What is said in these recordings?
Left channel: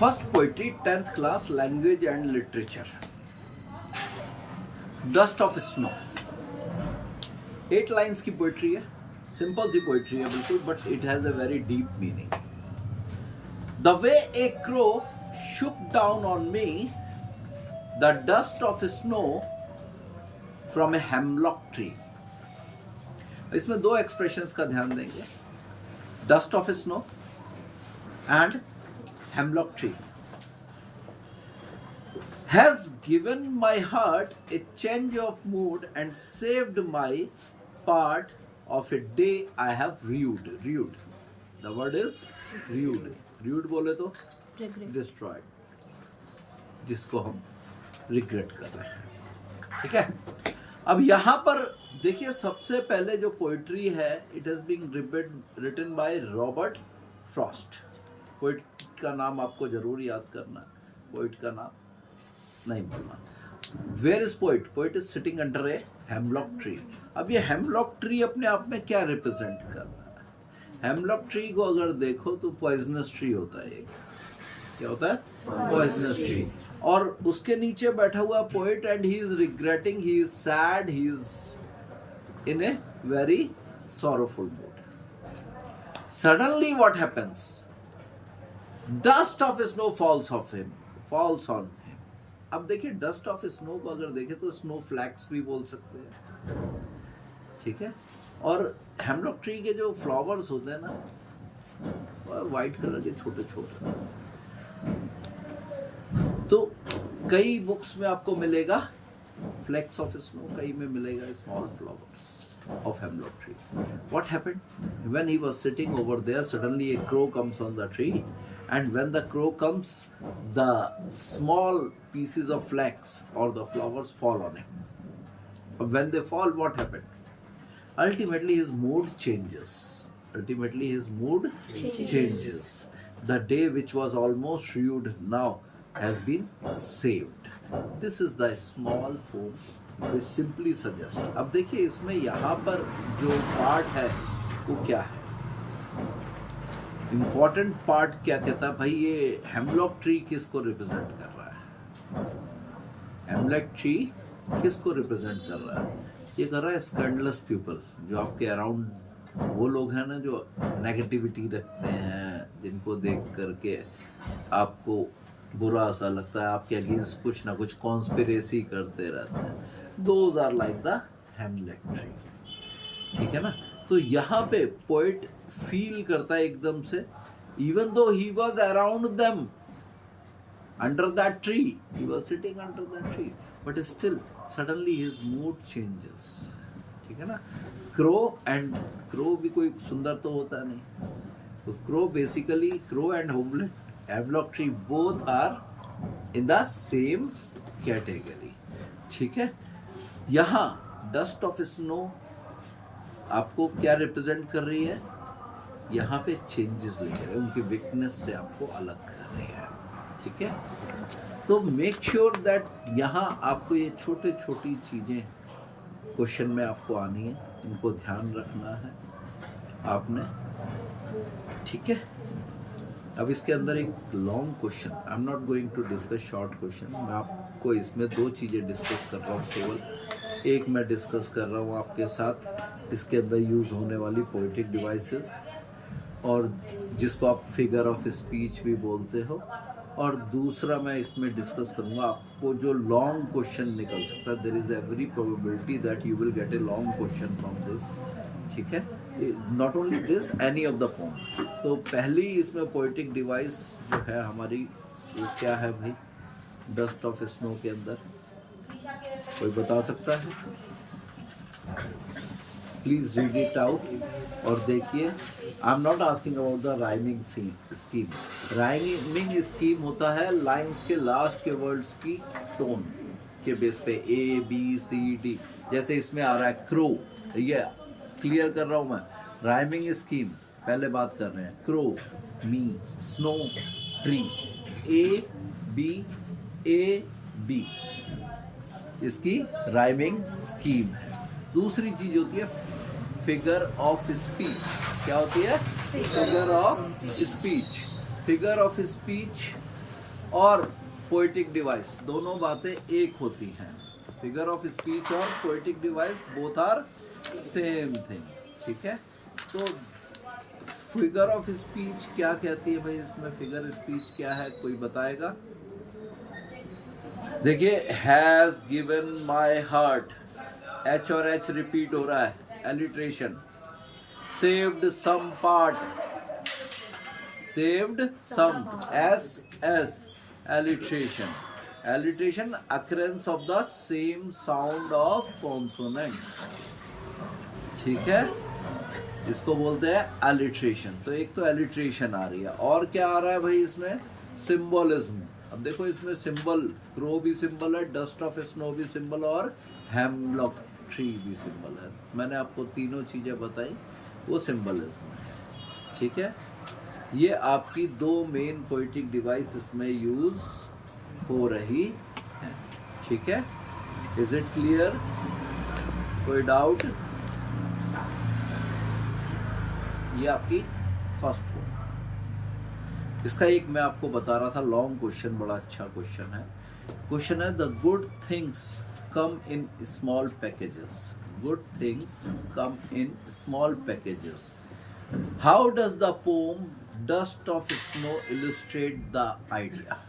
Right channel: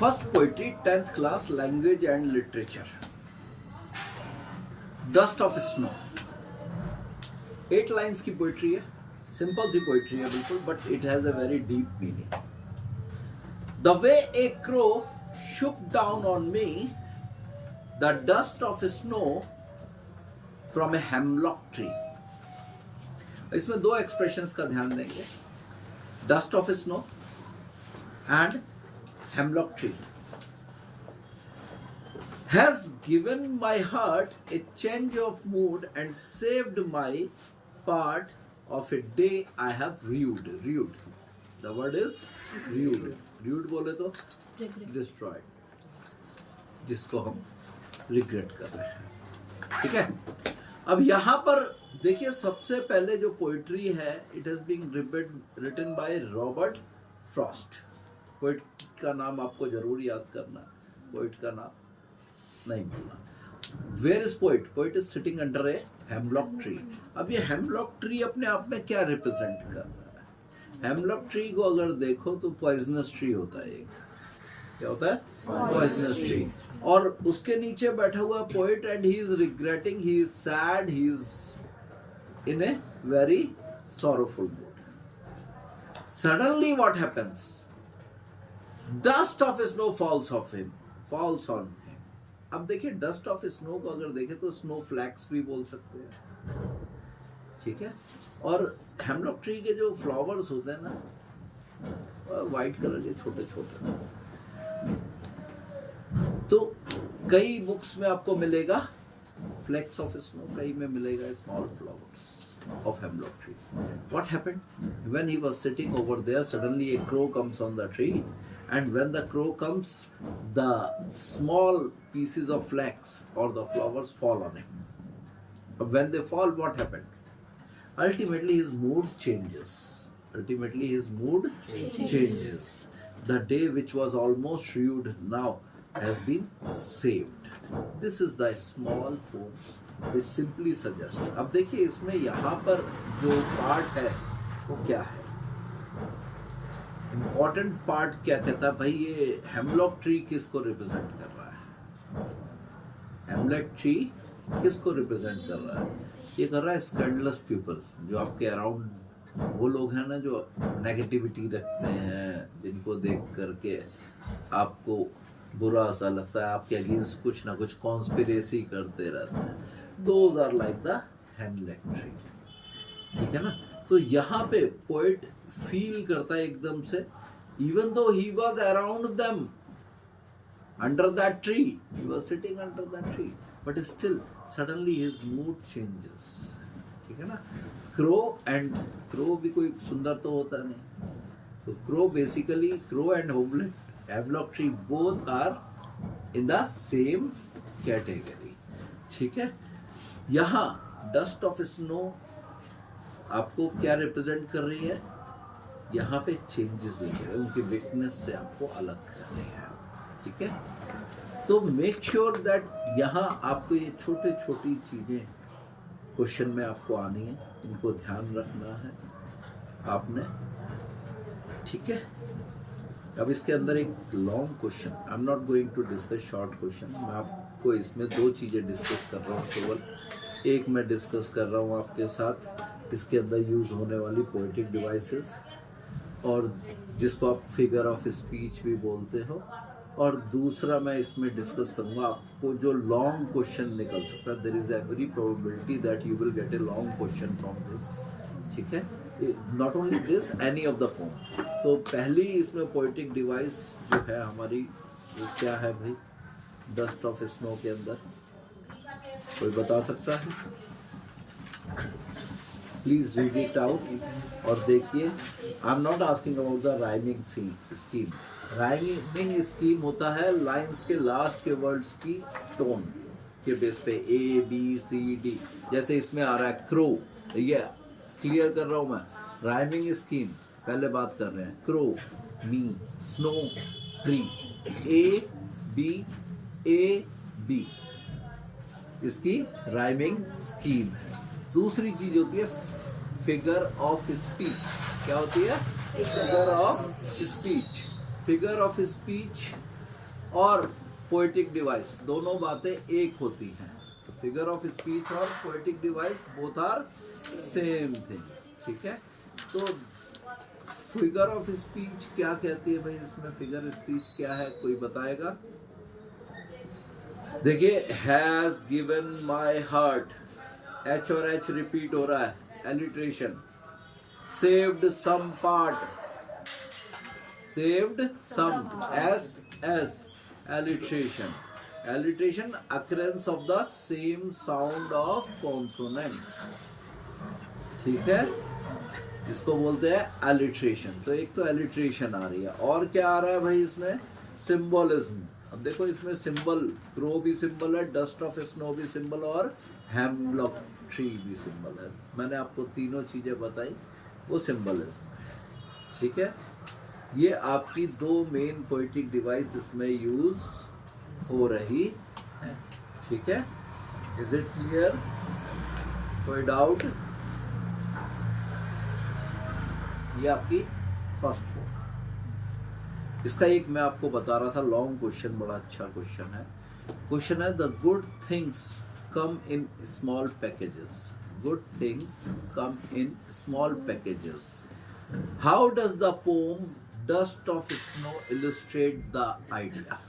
First poetry 10th class language and literature, dust of snow. 8 lines की poetry है, simple सी poetry है बिल्कुल, but it has a very deep meaning. The way A crow shook down on me the dust of snow from a hemlock tree। इसमें दो expressions का ध्यान देंगे, dust of snow and hemlock tree। Has given my heart a change of mood and saved my part of a day I have rued। The word is rued। rued बोले तो destroyed, जिसको हम regret कर रहे हैं। ठीक है, अब यहां पर देखिए, सबसे पहले जो पोइट्री है, it has been written by Robert Frost. Poet का नाम आपको जरूर याद करना है, पोइट का नाम नहीं भूलना। Where is poet? Poet is sitting under a hemlock tree. अब ये हेमलॉक ट्री अपने आप में क्या रिप्रेजेंट कर रहा है? हेमलॉक ट्री को अगर देखो तो पॉइजनस ट्री होता है। एक क्या होता है? Poisonous tree. और उसके नीचे बैठा हुआ poet and he is regretting, he is sad, he is in a very sorrowful mood. Suddenly what happens? Dust of snow falls on him. अब देखिए, डस्ट ऑफ स्नो को अगर देखें तो स्नो फ्लैक्स भी बोल सकते हैं। ठीक है, और हेमलॉक ट्री के जो फ्लावर्स होते हैं ना, व्हाइट कलर के छोटे छोटे, तो कई बुक्स में आपको मिलेगा फ्लेक्स ऑफ स्नो, कई में मिलेगा small flowers of hemlock tree. What happened? When he was sitting over there, suddenly a crow comes on the tree, and when the crow comes, the small pieces of flax or the flowers fall on him. But when they fall, what happened? Ultimately his mood changes. The day which was almost ruined now has been saved. This is the small poem which simply suggests। अब देखिए, इसमें यहाँ पर जो part है वो क्या है? इंपॉर्टेंट पार्ट क्या कहता है भाई? ये हेमलॉक ट्री किसको रिप्रेजेंट कर रहा है? हेमलॉक ट्री किसको रिप्रेजेंट कर रहा है? ये कर रहा है स्कैंडलस पीपल, जो आपके अराउंड वो लोग हैं ना, जो नेगेटिविटी रखते हैं, जिनको देख करके आपको बुरा सा लगता है, आपके अगेंस्ट कुछ ना कुछ कॉन्स्पिरेसी करते रहते हैं। Those are like the hemlock tree. ठीक है ना? तो यहाँ पे पोएट फील करता है एकदम से, even though he was around them under that tree, he was sitting under that tree, but still suddenly his mood changes. ठीक है ना? क्रो भी कोई सुंदर तो होता नहीं, तो crow basically, crow and hemlock tree both are in the same category. ठीक है, यहां डस्ट ऑफ स्नो आपको क्या रिप्रेजेंट कर रही है? यहाँ पे चेंजेस लेके रहे, उनकी वीकनेस से आपको अलग कर रही है। ठीक है, तो मेक श्योर दैट यहाँ आपको ये छोटे छोटी चीजें क्वेश्चन में आपको आनी है, इनको ध्यान रखना है आपने। ठीक है, अब इसके अंदर एक long question, I am not going to discuss short question. मैं आपको इसमें दो चीजें डिस्कस कर रहा हूँ, केवल एक मैं डिस्कस कर रहा हूँ आपके साथ, इसके अंदर यूज होने वाली पोएटिक डिवाइसेस, और जिसको आप फिगर ऑफ स्पीच भी बोलते हो, और दूसरा मैं इसमें डिस्कस करूंगा आपको जो लॉन्ग क्वेश्चन निकल सकता है। There is every probability that you will get a long question from this. ठीक है, not only this, any of the poem. तो पहली इसमें पोएटिक डिवाइस जो है हमारी, वो क्या है भाई? डस्ट ऑफ स्नो के अंदर कोई बता सकता है? प्लीज रीड इट आउट और देखिए। आई am not asking about the rhyming scheme. Rhyming scheme होता है लाइंस के लास्ट के वर्ड्स की टोन के बेस पे, ए बी सी डी। जैसे इसमें आ रहा है क्रो, ये क्लियर कर रहा हूं मैं। राइमिंग स्कीम पहले बात कर रहे हैं, crow, me, snow, tree, A B, इसकी राइमिंग स्कीम है। दूसरी चीज होती है फिगर ऑफ स्पीच। क्या होती है? Figure of speech. Figure of speech और पोएटिक डिवाइस, दोनों बातें एक होती हैं। फिगर ऑफ स्पीच और poetic device both are same things, ठीक है। तो फिगर ऑफ स्पीच क्या कहती है भाई, इसमें फिगर स्पीच क्या है, कोई बताएगा? देखिए, has given my heart, H और एच रिपीट हो रहा है, alliteration. Saved some part, saved some, S S, alliteration. Alliteration, occurrence of the same sound of consonant, ठीक है, इसको बोलते हैं एलिट्रेशन। तो एक तो एलिट्रेशन आ रही है, और क्या आ रहा है भाई इसमें? सिंबलिज्म। अब देखो इसमें सिंबल, क्रो भी सिंबल है, डस्ट ऑफ स्नो भी सिंबल, और हेमलॉक ट्री भी सिंबल है। मैंने आपको तीनों चीजें बताई, वो सिंबलिज्म है, ठीक है। ये आपकी दो मेन पोएटिक डिवाइस इसमें यूज हो रही है, ठीक है। Is it clear? कोई डाउट? ये आपकी फर्स्ट पॉइंट। इसका एक मैं आपको बता रहा था लॉन्ग क्वेश्चन, बड़ा अच्छा क्वेश्चन है। क्वेश्चन है, the good things come in small packages, good things come in small packages, how does the pome dust of snow illustrate the idea?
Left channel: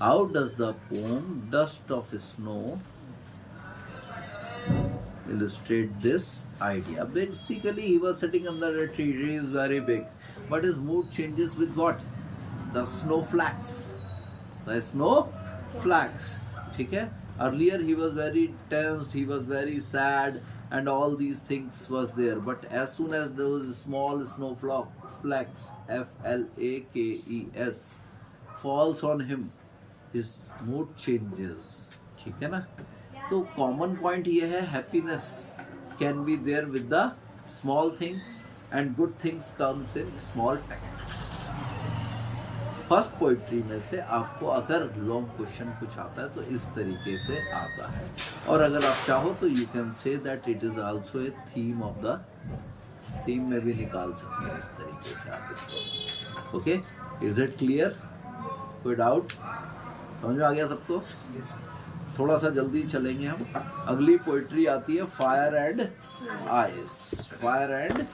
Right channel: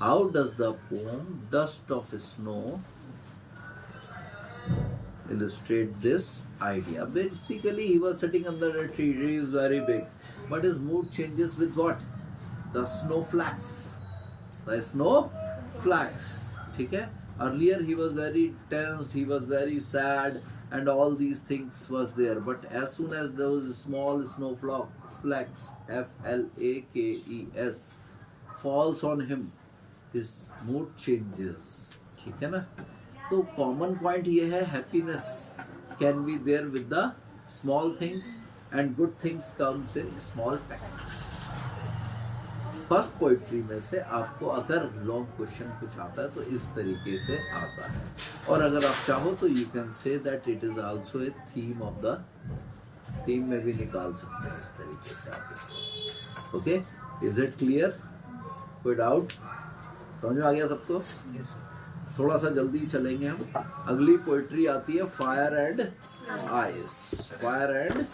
How does the pome dust of snow illustrate this idea? Basically, he was sitting under a tree. Tree is very big, but his mood changes with what? The snowflakes. The snowflakes. ठीक है? Earlier he was very tensed, he was very sad, and all these things was there. But as soon as those small snowflakes, FLAKES, falls on him, his mood changes. ठीक है ना? तो common point ये है, happiness can be there with the small things and good things comes in small packets. First poetry में से आपको अगर लॉन्ग क्वेश्चन कुछ आता है तो इस तरीके से आता है, और अगर आप चाहो तो you can say that it is also a theme of the, theme में भी निकाल सकते हैं इस तरीके से आप इसको। Okay, is it clear? कोई डाउट? समझ में आ गया सबको? थोड़ा सा जल्दी चलेंगे हम। अगली पोइट्री आती है fire and ice, fire and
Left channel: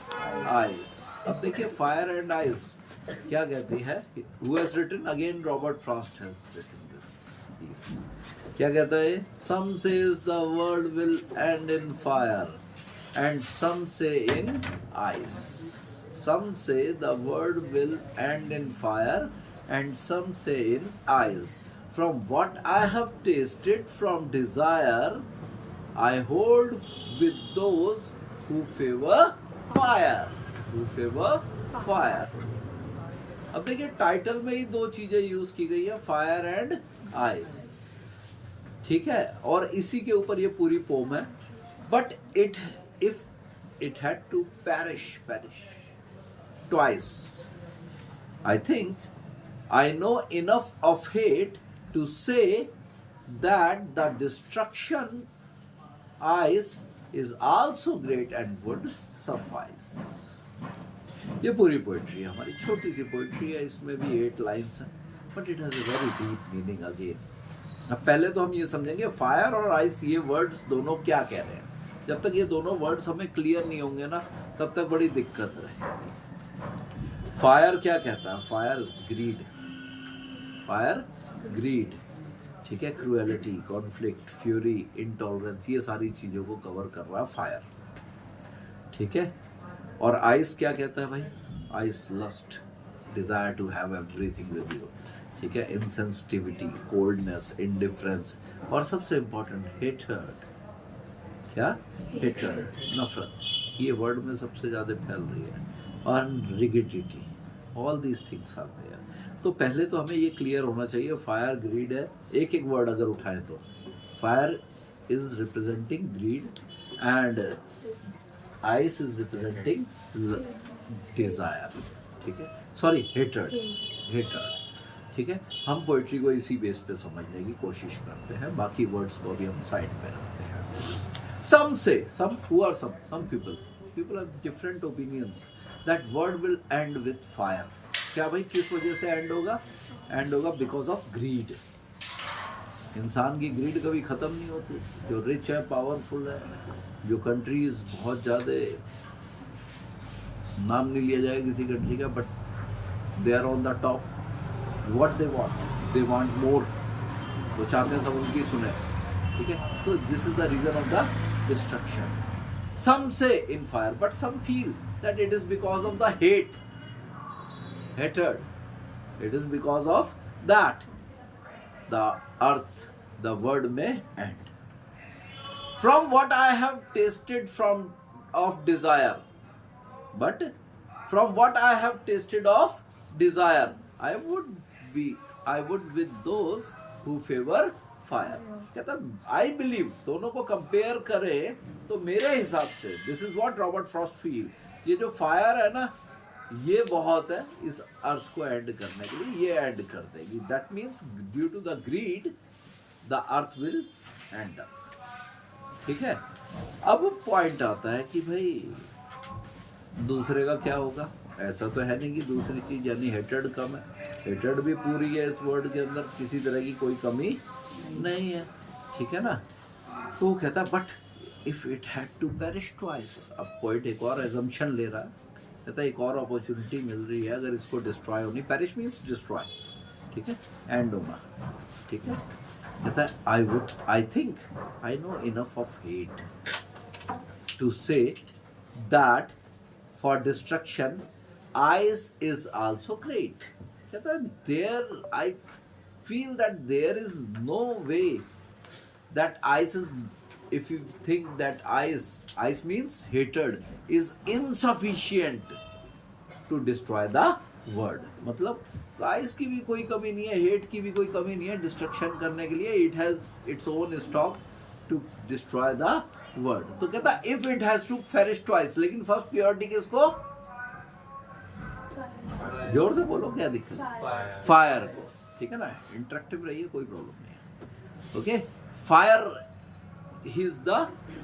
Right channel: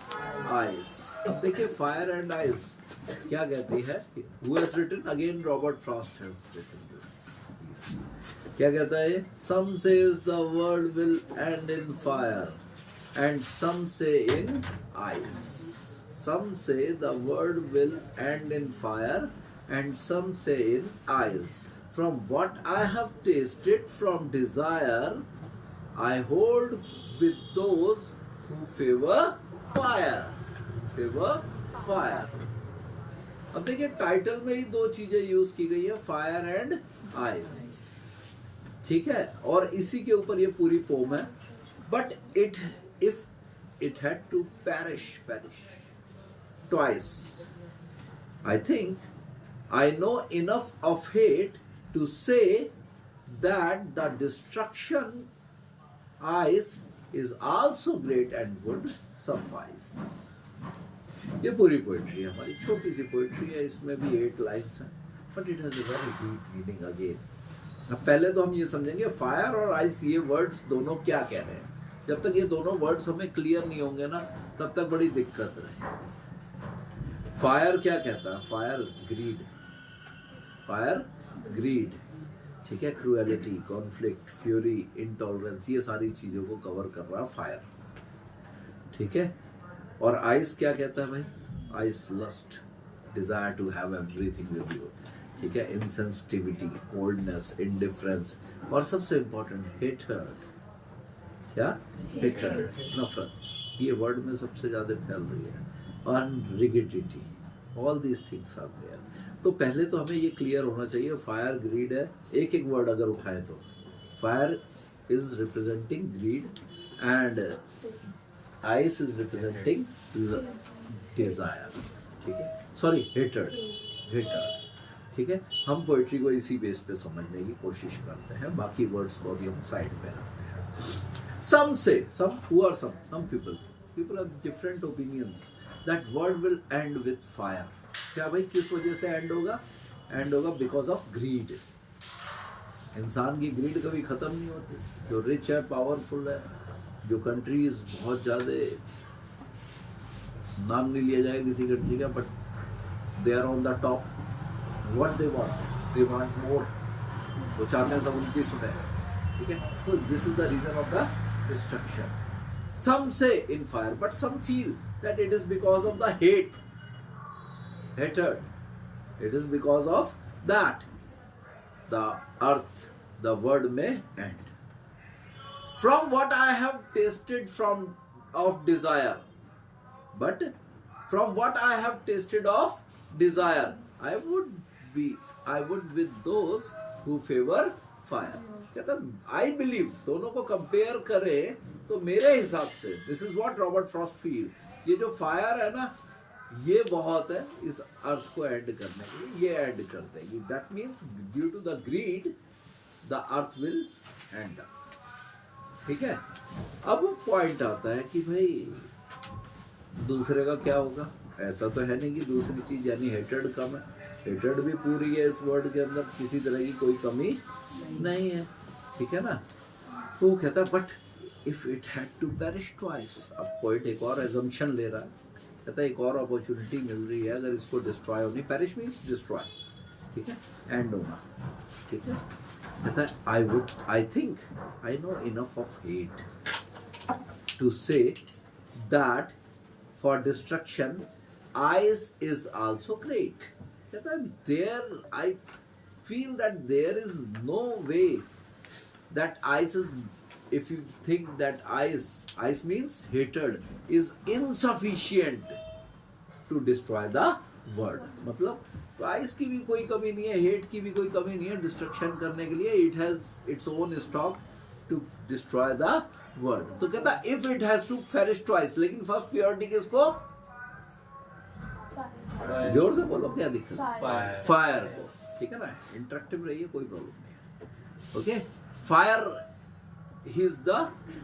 ice. अब देखिए फायर एंड आइस क्या कहती है, who has written, again Robert Frost has written this piece. क्या कहता है? Some say the world will end in fire and some say in ice, some say the world will end in fire and some say in ice. From what I have tasted from desire, I hold with those who favor fire, who favor fire. अब देखिए title में ही दो चीजें use की गई है, fire and ice, ठीक है, और इसी के ऊपर ये पूरी पोम है। But it, if it had to perish twice, I think I know enough of hate to say that the destruction ice is also great and would suffice. ये पूरी पोएट्री है हमारी, छोटी सी पोएट्री है, इसमें भी 8 लाइन्स हैं, but it has a very deep meaning again. अब पहले तो हम ये समझेंगे फायर और आइस ये वर्ड्स दोनों क्या कह रहे हैं। जब तक ये दोनों वर्ड्स हमें क्लियर नहीं होंगे ना, तब तक बड़ी दिक्कत है। फायर क्या कहता है? फायर ग्रीड, फायर ग्रीड, ठीक है, क्रूएलिटी, कॉन्फ्लिक्ट, फ्यूरी, इंटॉलरेंस, ये सारी चीजों को कवर कर रहा है फायर, ठीक है। और आइस क्या कहता है भाई? Ice lust, desire to have everything with you, ठीक है, इनसेंसिटिविटी, कोल्डनेस, इंडिफरेंस, और सबसे इंपॉर्टेंट हेटर्ड। क्या? हेटर्ड, नफरत, ये वर्ड में सबसे ज्यादा फैल रही है, और rigidity, all these things are there. तो पहले तो हमें ये क्लियर होना चाहिए, फायर ग्रीड है, एक एक वर्ड अगर उठाएं तो fire is representing greed and ice is representing desire, ठीक है, सॉरी हेटर्ड, ठीक है। हम पोइट्री को इसी बेस पे समझने की कोशिश करते हैं, बाकी वर्ड्स को अभी हम साइड पे रखते हैं। Some say, some who are some people have different opinions that world will end with fire, क्या भाई, किस वजह से एंड होगा? एंड होगा बिकॉज ऑफ ग्रीड। इंसान की ग्रीड कभी खत्म नहीं होती। जो रिच है, पावरफुल है, जो कंट्रीज बहुत ज्यादा, नाम नहीं लिया जाएगा किसी कंट्री का, but they are on the top, what they want more, वो चाहते हैं सब उनकी सुने, ठीक है। तो this is the reason of the destruction. Some say in fire, but some feel that it is because of the hatred. It is because of that the earth, the word may end. From what I have tasted of desire, but from what I have tasted of desire, I would with those who favor fire. कहता I believe, दोनों को compare करें तो मेरे हिसाब से this is what Robert Frost feel, ये जो फायर है ना, ये बहुत है इस अर्थ को एंड करने के लिए, ये एंड कर देगी। That means due to the greed the earth will end up, ठीक है। अब पॉइंट आता है कि भाई दूसरे का क्या होगा? ऐसा तो है नहीं कि दूसरी चीज यानी हेटेड कम है, हेटेड भी पूरी है इस वर्ड के अंदर, किसी तरह की कोई कमी नहीं है, ठीक है ना। तो वो कहता but if it had to perish twice. अब पॉइंट एक और एजम्पशन ले रहा है, कहता है एक और अपॉर्चुनिटी मिल रही है अगर इसको डिस्ट्रॉय होनी, पेरिश मीन्स डिस्ट्रॉय, ठीक है, एंड होना, ठीक है। कहता है I think I know enough of hate to say that for destruction ice is also great. कहता है there I feel that there is no way that ice is, if you think that ice means hatred, is insufficient to destroy the world. मतलब ice की भी कोई कमी नहीं है, hate की भी कोई कमी नहीं है डिस्ट्रक्शन करने के लिए। It has its own stock to destroy the world. तो कहता if it has to perish twice, लेकिन फर्स्ट प्योरिटी किसको? जोर से बोलो, क्या दिक्कत? फायर को, ठीक है ना। इंटरेक्टिव रहिए, कोई प्रॉब्लम नहीं है, okay. Fire he is the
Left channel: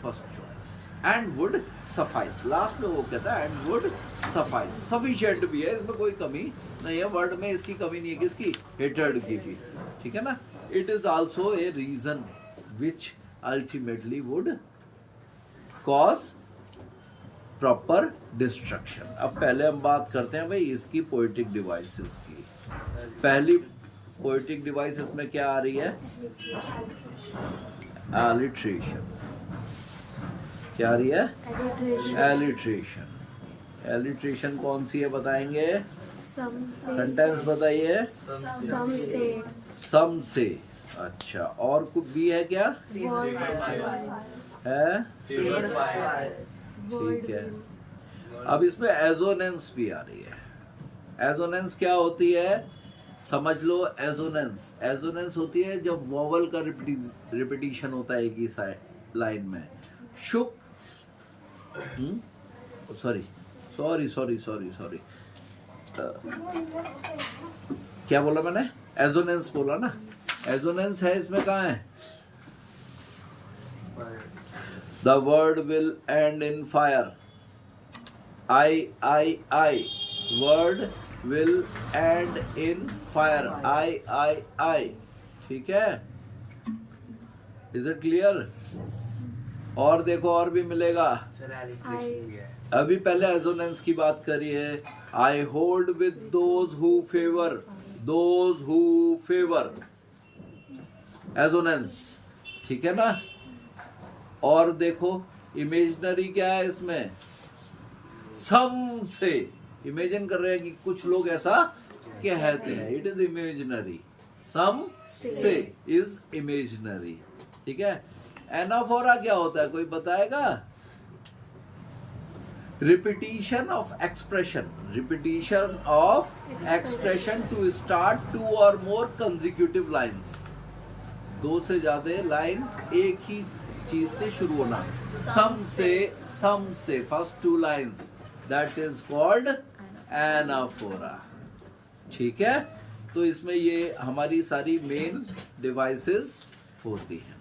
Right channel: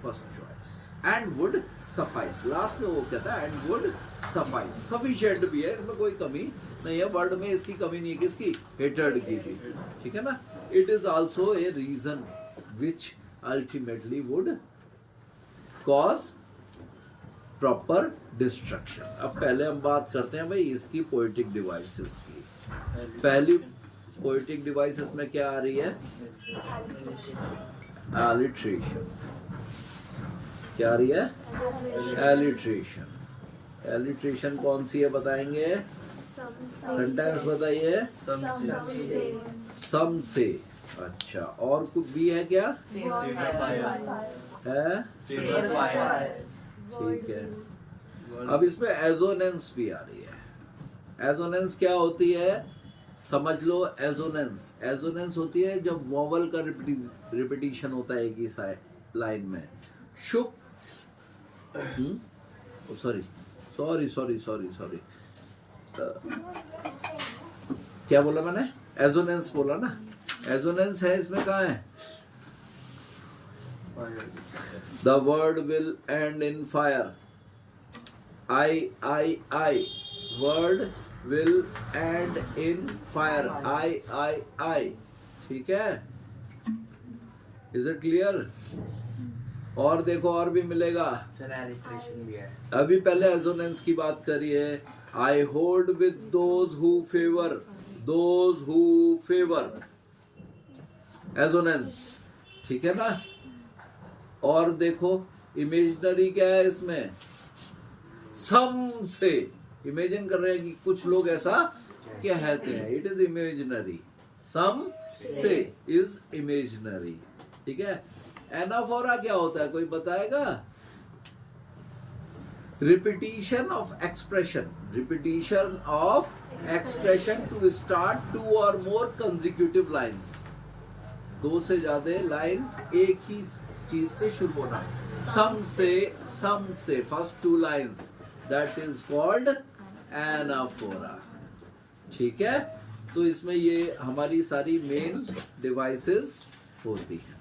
first choice and would suffice। Last में वो कहता है and would suffice, sufficient भी है, इसमें कोई कमी नहीं है, वर्ड में इसकी कमी नहीं है, किसकी? hatred की भी, ठीक है ना। it is also a reason which ultimately would cause proper destruction। अब पहले हम बात करते हैं भाई इसकी पोएटिक डिवाइसेस की। पहली पोएटिक डिवाइस इसमें क्या आ रही है? एलिट्रेशन। क्या आ रही है? एलिट्रेशन। एलिट्रेशन कौन सी है बताएंगे? सेंटेंस बताइए। सम से। अच्छा, और कुछ भी है क्या? है, ठीक है। अब इसमें एजोनेंस भी आ रही है। एजोनेंस क्या होती है? समझ लो, एजोनेंस होती है जब वॉवल का रिपीटिशन होता है एक ही लाइन में। शुक, सॉरी, क्या बोला मैंने? एजोनेंस बोला ना। एजोनेंस है इसमें, कहाँ है? The word will end in fire. I word will end in fire। I ठीक है, इज इट क्लियर? और देखो और भी मिलेगा। अभी पहले एजोनेंस की बात करिए। I hold with those who favour, assonance, ठीक है ना। और देखो इमेजिनरी क्या है इसमें? सम से। इमेजिन कर रहे हैं कि कुछ लोग ऐसा कहते हैं, इट इज इमेजिनरी। सम से इज इमेजिनरी, ठीक है। एनाफोरा क्या होता है, कोई बताएगा? Repetition of expression to start two और मोर कंसेक्यूटिव लाइन्स। दो से ज्यादा लाइन एक ही चीज से शुरू होना। सम से first two lines, that is called anaphora, ठीक है। तो इसमें ये हमारी सारी मेन डिवाइसेस होती हैं।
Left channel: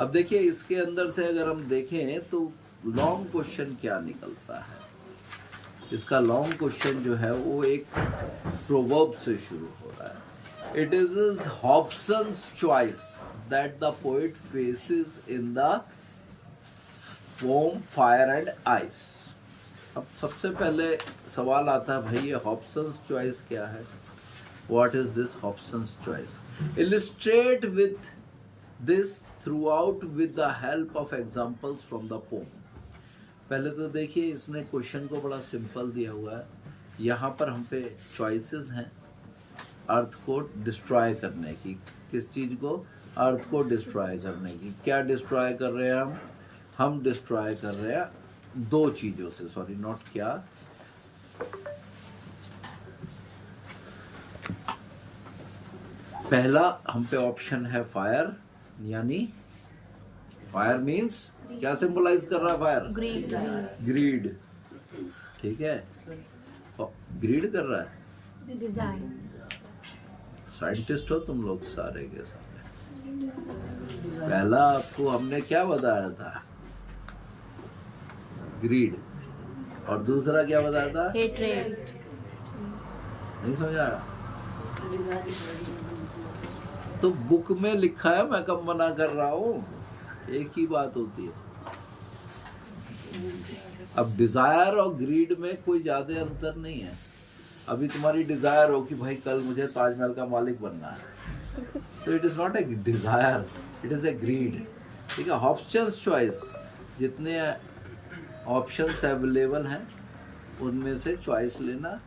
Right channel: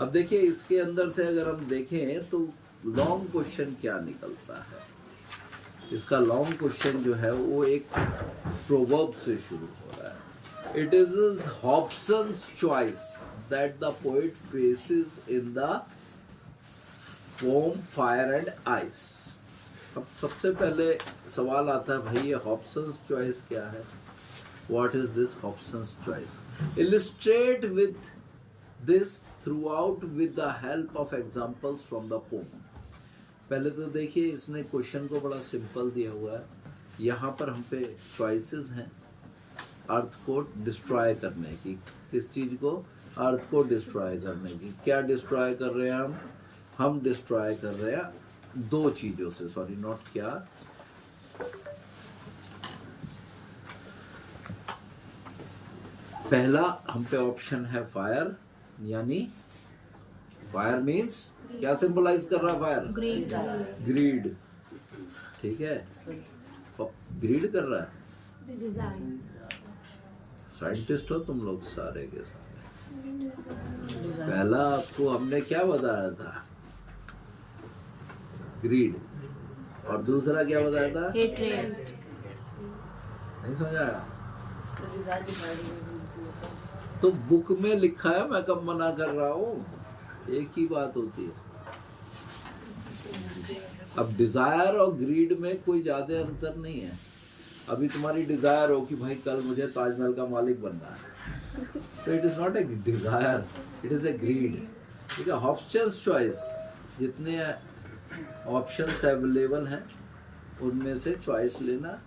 अब देखिए इसके अंदर से अगर हम देखें तो लॉन्ग क्वेश्चन क्या निकलता है। इसका लॉन्ग क्वेश्चन जो है वो एक प्रोवर्ब से शुरू हो रहा है। It is Hobson's choice that the poet faces in the pome fire and ice. अब सबसे पहले सवाल आता है भाई ये हॉब्सन्स चॉइस क्या है? What is this Hobson's choice? Illustrate with this through out with the help of examples from the pome. पहले तो देखिए इसने क्वेश्चन को बड़ा सिंपल दिया हुआ है। यहाँ पर हम पे चॉइसेस हैं अर्थ को डिस्ट्रॉय करने की। किस चीज को? अर्थ को डिस्ट्रॉय करने की। क्या डिस्ट्रॉय कर रहे हैं हम डिस्ट्रॉय कर रहे हैं दो चीजों से, सॉरी नॉट क्या, पहला हम पे ऑप्शन है फायर, यानी फायर मीन्स क्या सिंबलाइज कर रहा है फायर? ग्रीड। ठीक है, ग्रीड कर रहा है। साइंटिस्ट हो तुम लोग सारे के सारे। पहला आपको हमने क्या बताया था? ग्रीड। और दूसरा क्या बताया था? हेट्रेड। नहीं समझ आया? तो बुक में लिखा है, मैं कब मना कर रहा हूँ, एक ही बात होती है। अब डिजायर और ग्रीड में कोई ज्यादा अंतर नहीं है। अभी तुम्हारी डिजायर हो कि भाई कल मुझे ताजमहल का मालिक बनना है, तो it is not a desire, it is a greed. ठीक है, ऑप्शंस चॉइस, जितने ऑप्शंस अवेलेबल हैं उनमें से चॉइस लेना।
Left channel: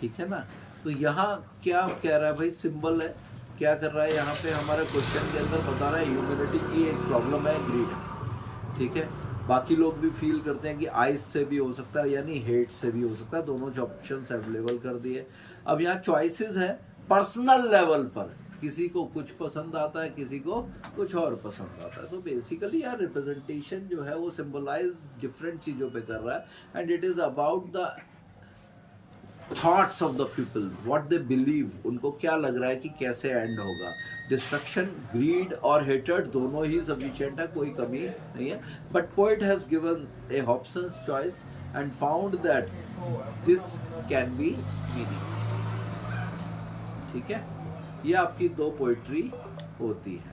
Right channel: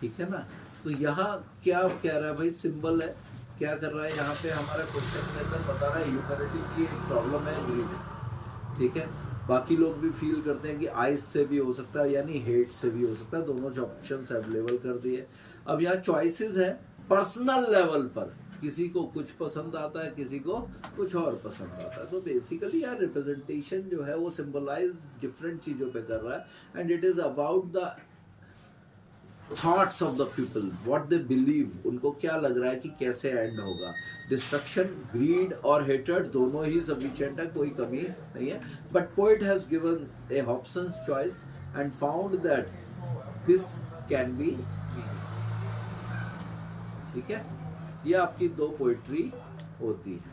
ठीक है ना? तो यहाँ क्या कह रहा है भाई? सिंबल है, क्या कर रहा है यहाँ पे हमारा क्वेश्चन के अंदर बता रहा है ह्यूमैनिटी की एक प्रॉब्लम है ग्रीड। ठीक है, बाकी लोग भी फील करते हैं कि आइस से भी हो सकता है, यानी हेट से भी हो सकता है। दोनों ऑप्शंस अवेलेबल कर दिए। अब यहाँ चॉइसेस है पर्सनल लेवल पर, किसी को कुछ पसंद आता है, किसी को कुछ और पसंद आता है। तो बेसिकली यार रिप्रेजेंटेशन जो है वो सिंबलाइज डिफरेंट चीजों पे कर रहा है, and it is about the thoughts of the people, what they believe, उनको क्या लग रहा है कि कैसे एंड होगा। डिस्ट्रक्शन, ग्रीड और हेटर्ड दोनों ही सफिशिएंट है, कोई कमी नहीं है। But poet has given A Hobson's choice and found that this can be meaning. ठीक है, ये आपकी दो पोएट्री होती है।